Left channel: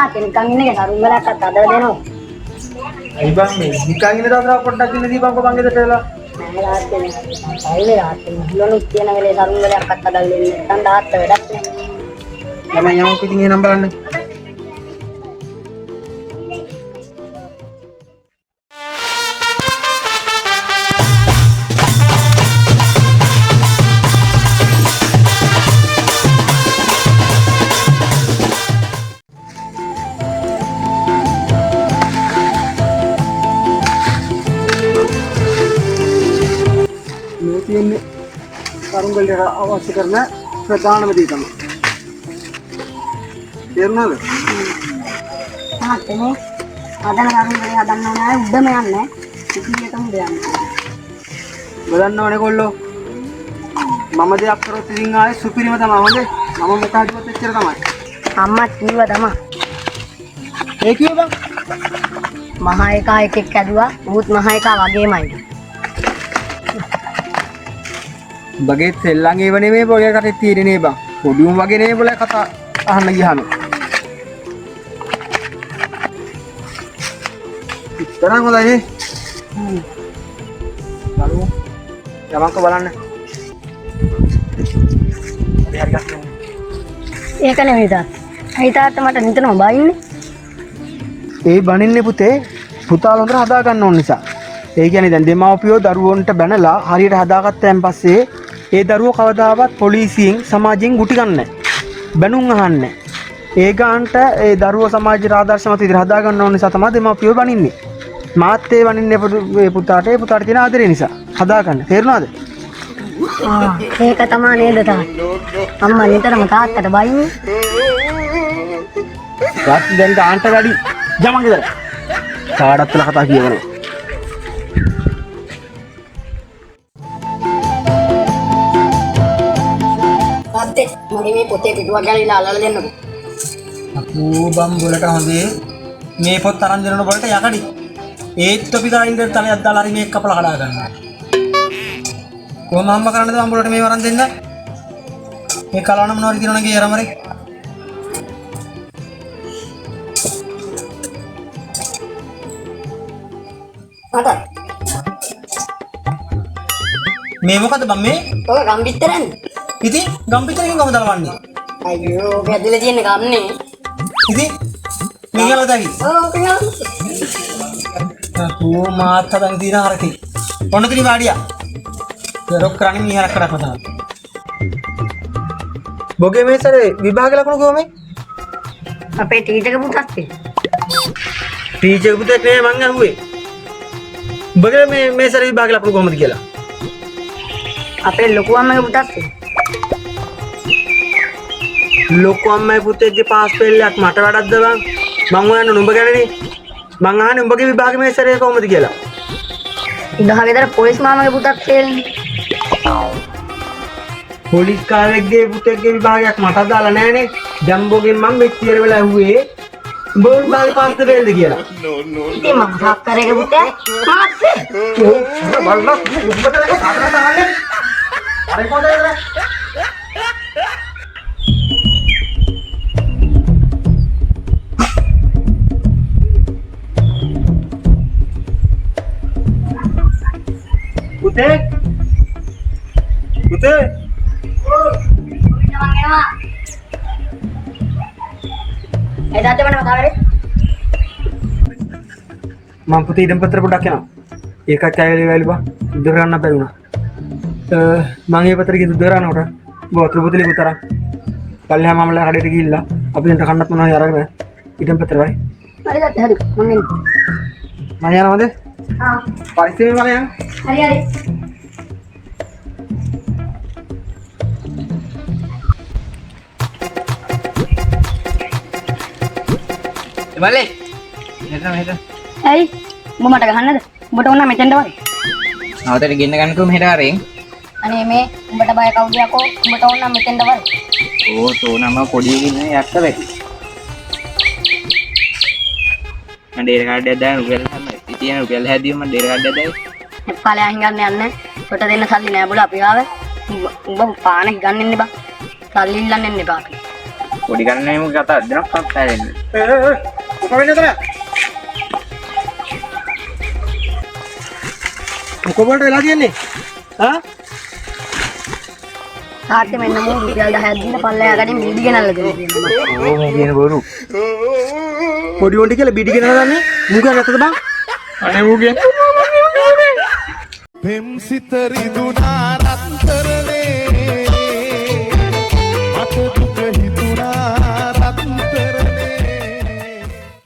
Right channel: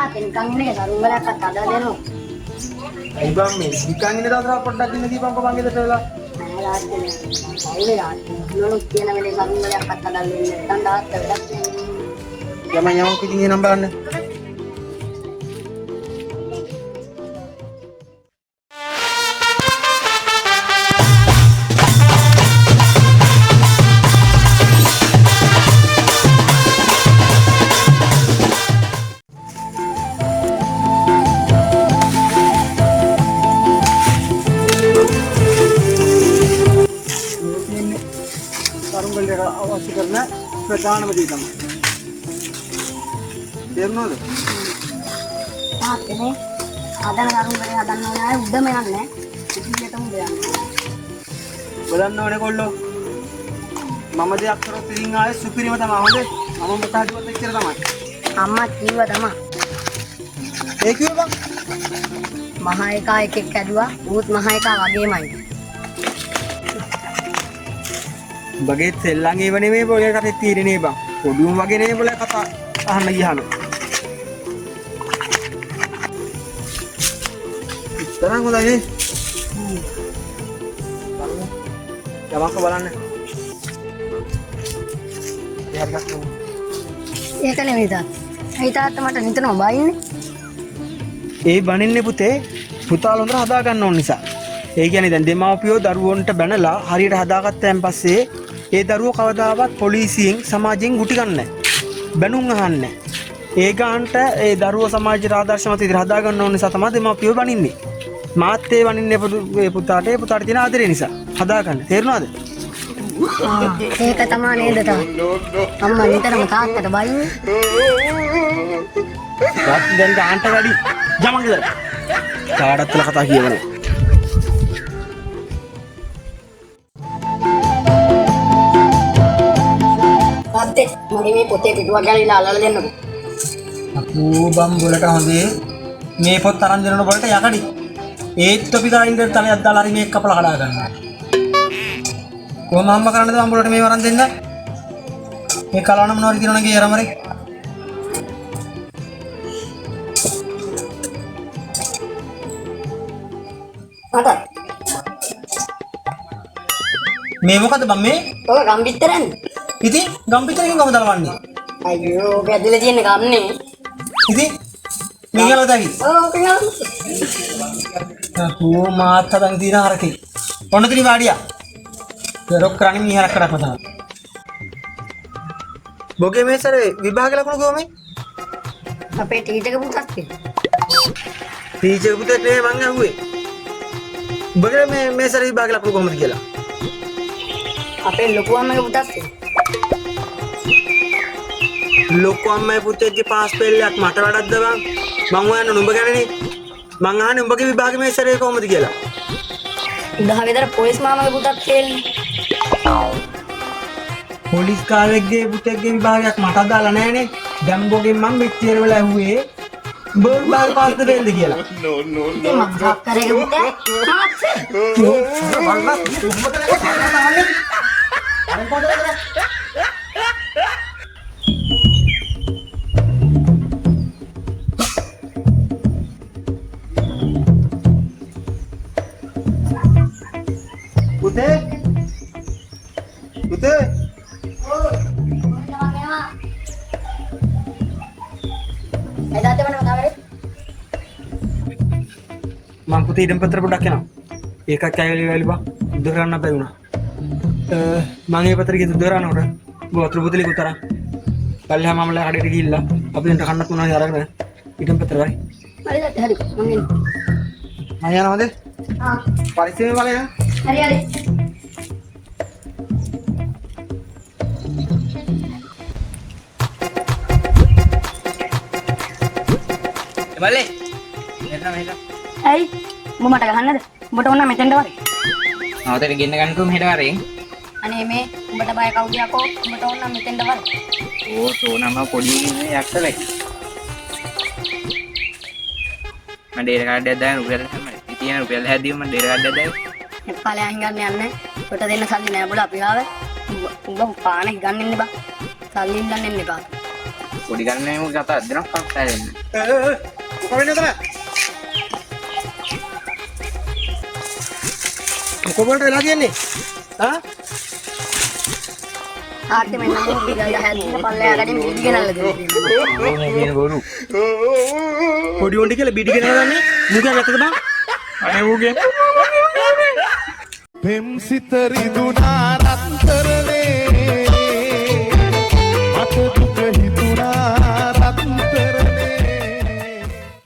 යාතේ නිකන් ඉන්නේ දරුන් වලක් අතද දෙනවා. අයි බං මේ නිකන් ඉන්න දාතර පොඩ්ඩක් ඉන්න දීපන්කෝ බං ගෙදරට වෙලා. නෑ යාතේ නෑ. යාතේ ඉන්නොත් කියන වෙලේ දරුන් වලක් අතද දෙන්නේ. නැත්නම් දාත් වැඩක් නෑ. යම පිටින් එනම් බලන්න. අවශ්‍ය කරන ප්‍රධානම දේ තමයි. තේරුණාද? යාතේ අදන දරුන් වල හදන්න නෑ උඩම යන්නේ. ඉතින් දෙයක්. බලන්න ඕනේ කොල්ලෝ. මම දෙයක් කරොත් ඉතින් ආයේ සුපිරිම තමයි හොඳේ. මම මොකක්දවත් එච්චර තමයි. අම්මා කිව්වා තමයි. ඒ කිව්වේ බං. මහා එකා එකෙක් ඇදුවා. උත් මහා එකා වගේමයි. බගේ සෙල්ලම් ඒව නෙමෙයි බගේ කටේ තීරණේ බං. පොඩිම වගේ නෙමෙයි බල කතා අහන්න ගියාම. තරම් හොඳයි නේ. යමක්ක බලන්න. ඒක නෙමෙයි තාත්තා. අයි තාත්තා මට නිතරම බයින්නේ. ඒ බනින්නේ පුතේ පුතාලා හොඳට හදා ගන්න ඕන නිසා. ඒ කියන්නේ දැන් දෙමාපියෝ දරුවන්ට බැනලා හරියට හදාගත්තයන් පස්සේ ඒ දරුවෝ කවදාවත් පොලිසියෙන් සමාජයෙන් ගුටි ගන්නෑ නැහැ. බැනුම් අහන්නේ නැහැ. ඒ ගාන්ට ඒ දරුවෝ සමාජයට ආදර්ශමත් විදිහට හදා ගන්න ඕන නිසා තමයි දෙමාපියෝ බනින්නේ. මාත් ඒ බනින්නේ ඒ පුතාට තියෙන ආදරේ නිසා හදා ගන්න. තේරුණාද? ඒක තමයි නේද තාත්තා. අම්මා නිතරම තාත්තට බයින්නේ. දැන් ගාන්ට වැඩි ජමන් ගෙදර. කාඩත් වල කතා කියවලා. තාත්තේ මගේ මේ පොතේ පිටුවක් ගැලවිලා අල්ලලා දෙන්නකෝ. අපෝ බම් වලට හොඳේ මේ පොත් අරන් දෙනකොට වලට යකඩි. ඒත් අපි දාලා ඉඳන් තලයක් දාලා හරි මේක කපලා කඩා ගන්නවා. කොහොම අම්ම කරන්නද බම් වලට මේ වරන් දෙන්න? මේ කලවන මොනවද කියනවනේ යරමරේ. අද මේ මොකද බම් මේ? ඔය ගම්බිත්තරන්නේ. ඉතින් ගම්පිටරකින් කොහමද දාවන්නේ? අයියෝ ඔබ ඇදලා තියෙන ගම්නේ. ඉතින් මේකල දැකි. ඔව් පියා. අපෝ මාත් හදන් දින හරකේ. ඔන්න තිරි වාඩියා. රොක් කරන්නේ මීහරක් කරක් මතන. බොගේ මේ සරේ විභාග ලකුණු කොහොමද? අපේ ටීචර් පුතත් ටීචර් පුතෙක් නේ මං අහුවේ. බොගේ මේ සරේ විභාග ලකුණු කොහොමද කියලා? අපේ ලොකු අම්මගේ පුතත් ලොකු අම්මයි පුතේගේ පාස් පෙල්ලයක් මට වඩක්ද බං? මං හොයන්නේ නුඹ ගැනනේ. මං අහන්නේ උඹගේ විභාගෙ මේ සරේ කොහොමද කියලා. උදා ගෙදර පොලිස් මාමගේ පුතත් තේල්නේ. පොලිස් කාරෙක්ගේ පුතේගේ විභාගයක් මට දාලා නැහනේ. ජම්බෝගෙන් මං මෙච්චර වෙලා ඇහුවේ උඹ විභාගෙ පාස් දෙන්නද කියලා. මම හතරේ පුතේ පාස්. බලන්න උඹට දාන්නේ. අර කොහොමද? Putih? Putih? Mang putih dan putri produknya. Eka cair kali pak, derana apa guna? Mangi putri gitu derana udah. Bawa terus putih utara. Kali hama malah ada di gila. Apa yang terkanat mana ya orang idam putri lagi. Hari hari, mungkin. Mana nama deh? Ah. Pasti mana yang? Hari. Balik. Itu. Hey, mau mata kahana deh. Mau tahu nama tenda wari. අවතර ගෙන්න ගන්නකෝ මෙහෙට වරෙන්. අනේ මේ උඹට බය කවුද යකෝ? උඹට ඕන නම් මෙතෙන්ද වර. ඕ තෝනම පොඩි ඉන්නේ යක්ක වෙයි. මම ඩේර කාඩ් එක දාන රුපියල් ඉතින් රුපියල් හැදීම මම ඩේර කාඩ් එක දායි. එප්පාලේ අහිඟන්න යන්නේ. කොට දෙන්න සල්ලි නෑ බල අපි ආව. උඹ පාන ගන්න ඉන්න බා. සල්ලි ඉල්ලන්න එන්න එපා. පොඩි ගන්නේම කතා දෙනක් පස්සෙන් කොබලට වෙලා තියෙන්නේ ආ ආර්ථ මෙන්න මම විදියට හැදින්න පල්ලෙහා ගනින් බිඩි ගෙනල්ලා දෙන්න. පොඩි උන්ටි කියලා බිඩි ගෙනල්ලා ගන්නේ මුගා නැතද බං අනේ ඌගේ පෙම් සිත රිදුනා රත්තරනේ අත